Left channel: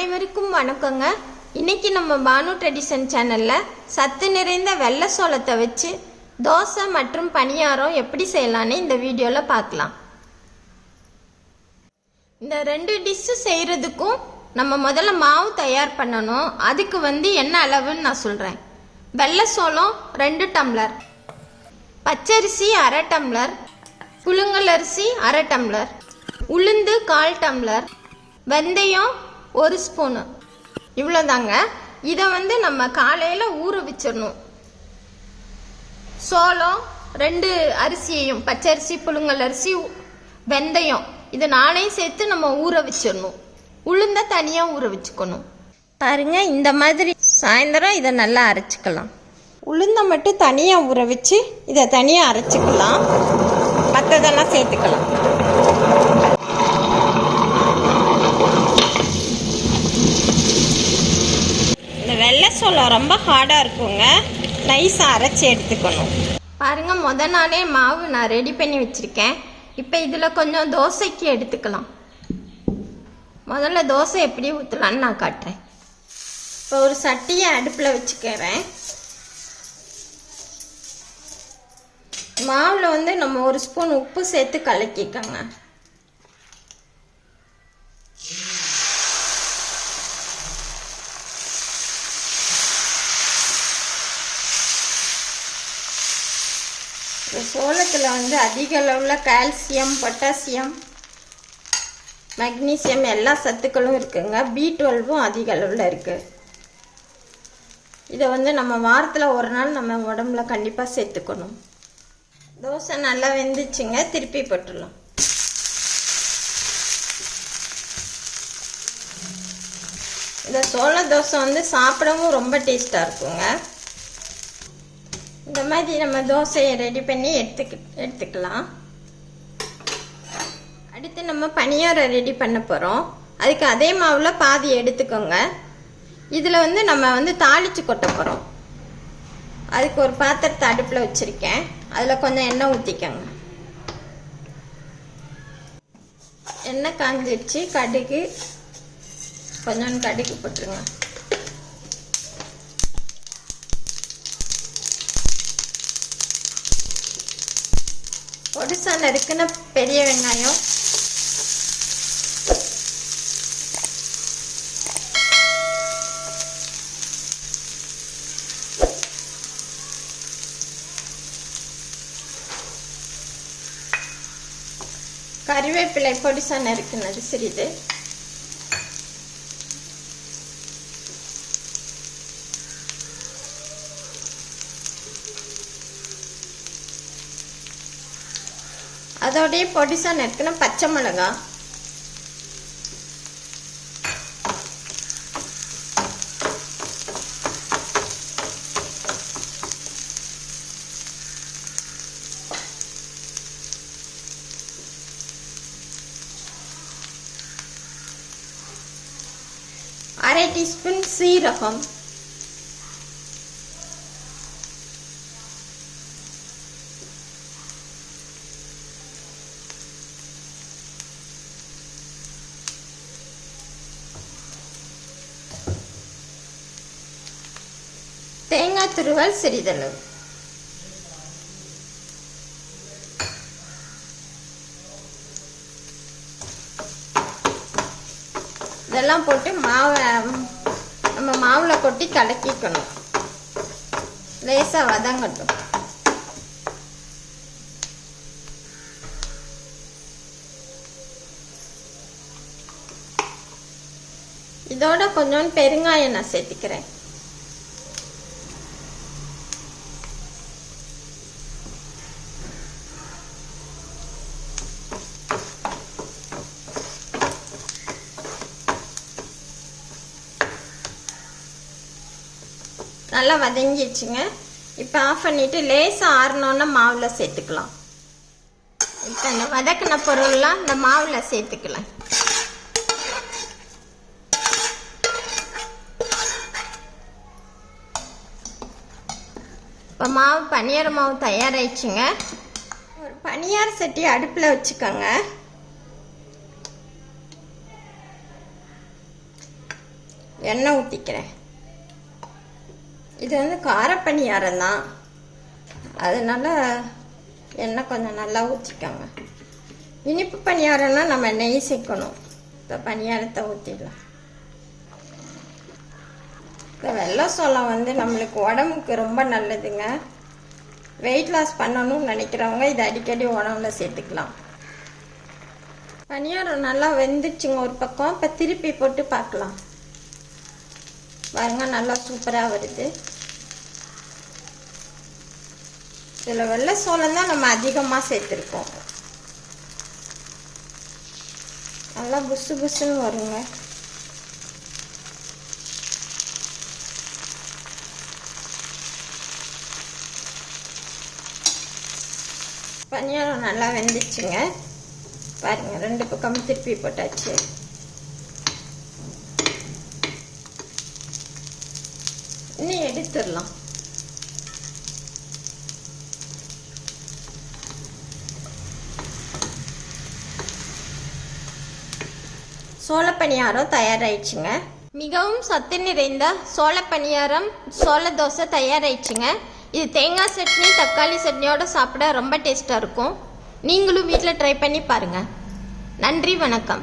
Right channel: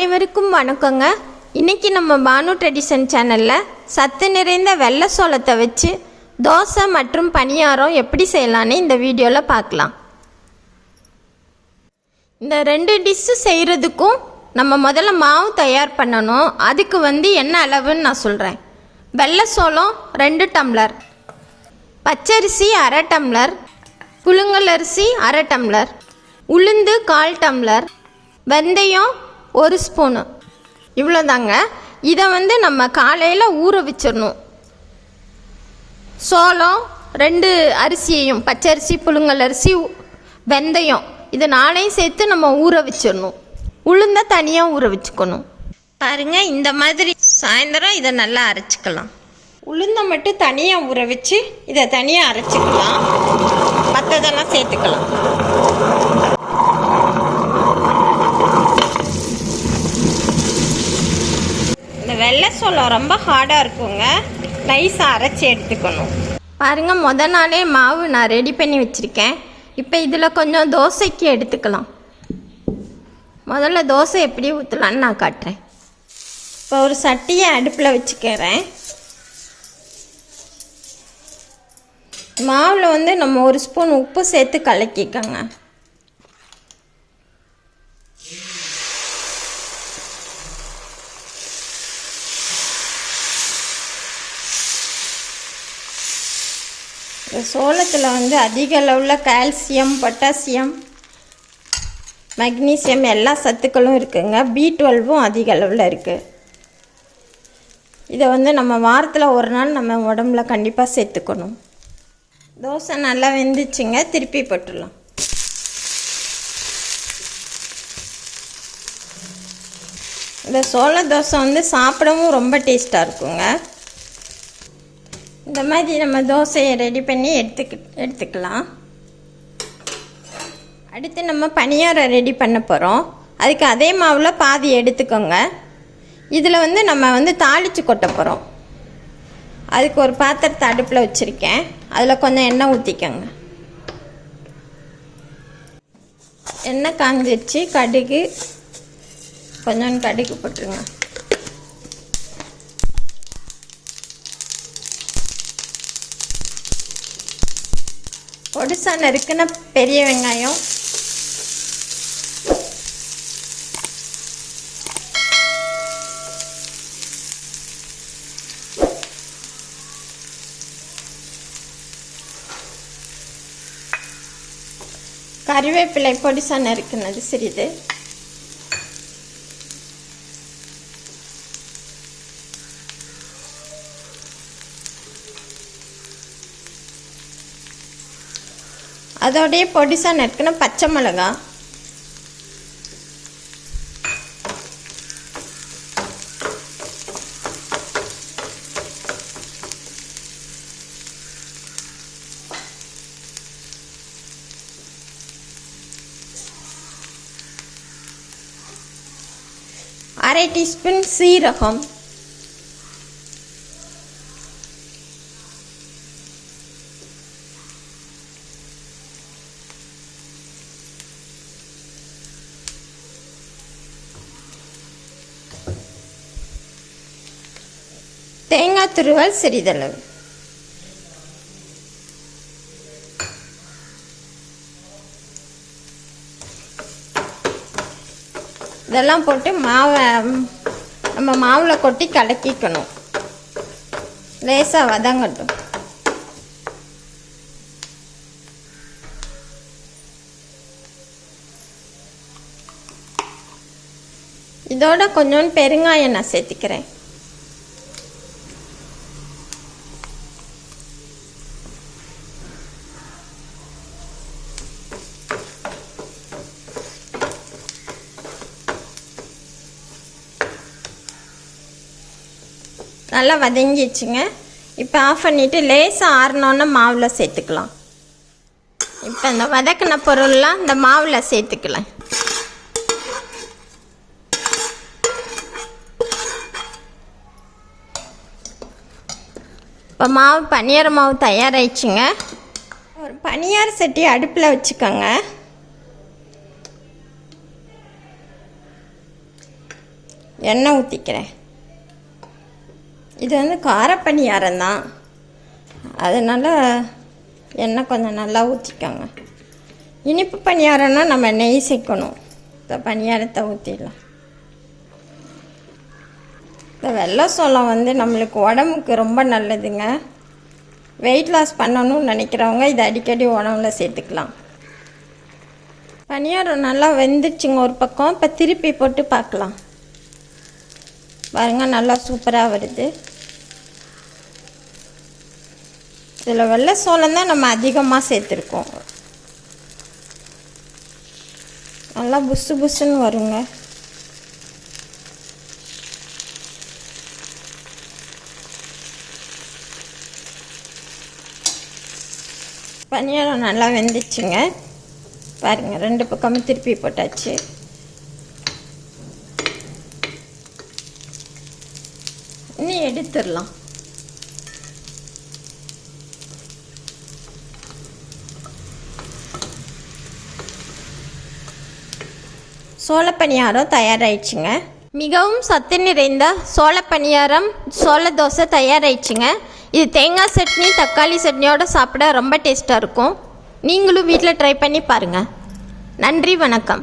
அனைவருக்கும் வணக்கங்க. இன்னைக்கு நம்ம பானு ட்ரெடிஷன் சேனலில் சத்து நிறைந்த வெள்ளை சோளத்தை வச்சு தோசை மற்றும் பணியாரம் எப்படி செய்யலான்னு இந்த வீடியோவில் பார்க்கலாம். இந்த ரெண்டு டிஷ்ஷு செய்கிறதுக்கும் நம்ம முதல்ல மாவு தயார் பண்ணணும். அதுக்கு என்ன அளவுன்னு நான் சொல்கிறேன். வெள்ளை சோளம் 2 டம்ளர், பச்சரிசி 1/2 டம்ளர், புழுங்கல் அரிசி 1/2 டம்ளர், உளுந்து 1/4 டம்ளர், வெந்தயம் 1 ஸ்பூனு. இவ்வளோதாங்க. இதை நம்ம காலையில் ஊற வச்சிடணும். சோளம் 2 அரிசியையும், பச்சரிசி, புழுங்கல் அரிசி, வெந்தயம் இது 4ஐயும் சேர்த்து நம்ம ஊற வச்சிடணும். உளுந்த தனியாக ஊற வச்சுக்கணும். பாருங்கள், இந்த மாதிரி சாயந்தரம் இதை நல்லா அரைச்சிக்கலாம். உளுந்தை மட்டும் தனியாக ஊற வச்சு இதை தனியாக அரைச்சிக்கலாம். மற்றதெல்லாம் சேர்த்துக்கலாம். இந்த வெள்ளை சோளம் ரொம்ப ஹார்டாக இருக்குங்க. நைஸாக அரைச்சி எடுத்துக்கணும். பாருங்கள், முதல் நாளே மாவு நான் ரெடி பண்ணி வச்சுருக்கேன். இப்போ இதில் கொஞ்சம் தோசைக்கு எடுத்துக்கலாம். முதல்ல தோசை எப்படி ஊற்றலான்னு நான் காட்டுறேன். இப்போ ஒரு சட்டியை அடுப்பில் வச்சுக்கிறேன். மாவில் நம்ம 1 ஸ்பூன் உப்பு சேர்த்து கலக்கிக்கோங்க. சோளத்தில் அதிக அளவில் கால்சியம், பொட்டாசியம், மக்னீசியம் எல்லா சத்துக்களும் இருக்குங்க. B12ம் அதிக அளவில் இருக்குது. இதை நம்ம வாரத்தில் ஒரு நாள் நம்ம உடம்புல கண்டிப்பாக சேர்த்துக்கணும். தோசை நல்லா வெந்துச்சுங்க. திருப்பி போட்டுடலாம். இந்த சோள தோசை சாப்பிடவும் ரொம்ப டேஸ்ட்டாக இருக்குங்க. இந்த மாதிரி நம்ம தோசையை ரெடி பண்ணி எடுத்துக்கலாம். அடுத்து நம்ம பணியாரம் ரெடி பண்ண போகிறோம். அதுக்கு அதே மாவில் பாதி எடுத்துக்கோங்க. இதில் நம்ம தாளித்து கொட்ட போகிறோம். அதுக்கு ஒரு பாத்திரத்தை அடுப்பில் வச்சுருக்கேன். அதில் கொஞ்சம் எண்ணெய் ஊற்றிக்கோங்க. எண்ணெய் காஞ்சிடுச்சு. கடுகு, கொஞ்சம் கடுகு போட்டுருங்க. பொடிசா நறுக்குன பெரிய வெங்காயம், கறிவேப்பிலை பொடிசா நறுக்குனது சிறிது, அதோடைய பொடிசா நறுக்குன பச்சை மிளகாய், அரை டீஸ்பூன் சீரகம், தேங்காய் துருவல் சிறிதளவு, இதெல்லாம் போட்டு மாவை நம்ம மாவில் கொட்டி கலக்கிக்கணும். லேசாக வதங்கட்டும். இதோட கொஞ்சம் பெருங்காயம் நான் சேர்த்துக்கிறேன். நல்லா வதங்கிடுச்சுங்க. இப்போ ஆஃப் பண்ணிவிட்டு லேசாக ஆறினோன்னா மாவில் சேர்த்துக்கலாம். இப்போ இந்த வதக்கின பொருள்லாம் இந்த மாவில் சேர்த்துக்கலாம். இப்போ பனியார மாவு தயாராகிடுச்சுங்க. ஒரு பனியார சட்டி அடுப்பில் வச்சுக்கோங்க. எண்ணெய் ஊற்றிக்கிறேன். இது வந்து கார பணியாரம் தான், அதனால் எண்ணெய் கொஞ்சம் நல்லா ஊற்றிக்கோங்க. இனிப்பு பணியாரம்னா நம்ம நெய் சேர்க்கணும். இந்த பணியாரத்தை ஊற்றிடலாம். இந்த வெள்ளை சோளம் வந்து நம்மளுக்கு உடம்புக்கு ரொம்ப நல்லதுங்க. வெயிட் லாஸ் பண்ணணும்னு நினைக்கிறவங்க இதை அடிக்கடி உணவுல சேர்த்துக்கலாம். பணியாரம் நல்லா வெந்துச்சுங்க ஒரு பக்கம். இப்போ திருப்பி போட்டு பார்க்கலாம். பாருங்கள், நல்லா சூப்பராக வருது. இதில் வெள்ளை சோளம் தான் நம்ம அதிகமாக சேர்த்துருக்கோம். நல்லா புசு புசுன்னு வருங்க. பணியாரம் நல்லா வெந்துச்சுங்க. பாருங்கள், 2 பக்கமும் திருப்பி போட்டாச்சு. இன்னும் எடுத்துடலாம். சோளப்பணியாரம் தயாராகிடுச்சுங்க. மிகவும் சத்து நிறைந்த சோளப்பணியாரம், சோள தோசை தயாராகிடுச்சுங்க. இது தேங்காய் சட்னி, தக்காளி சட்னியோடு சாப்பிட ரொம்ப டேஸ்ட்டாக இருக்கும். நீங்களும் வீட்டில் ட்ரை பண்ணி பாருங்கள். நன்றி, வணக்கம்.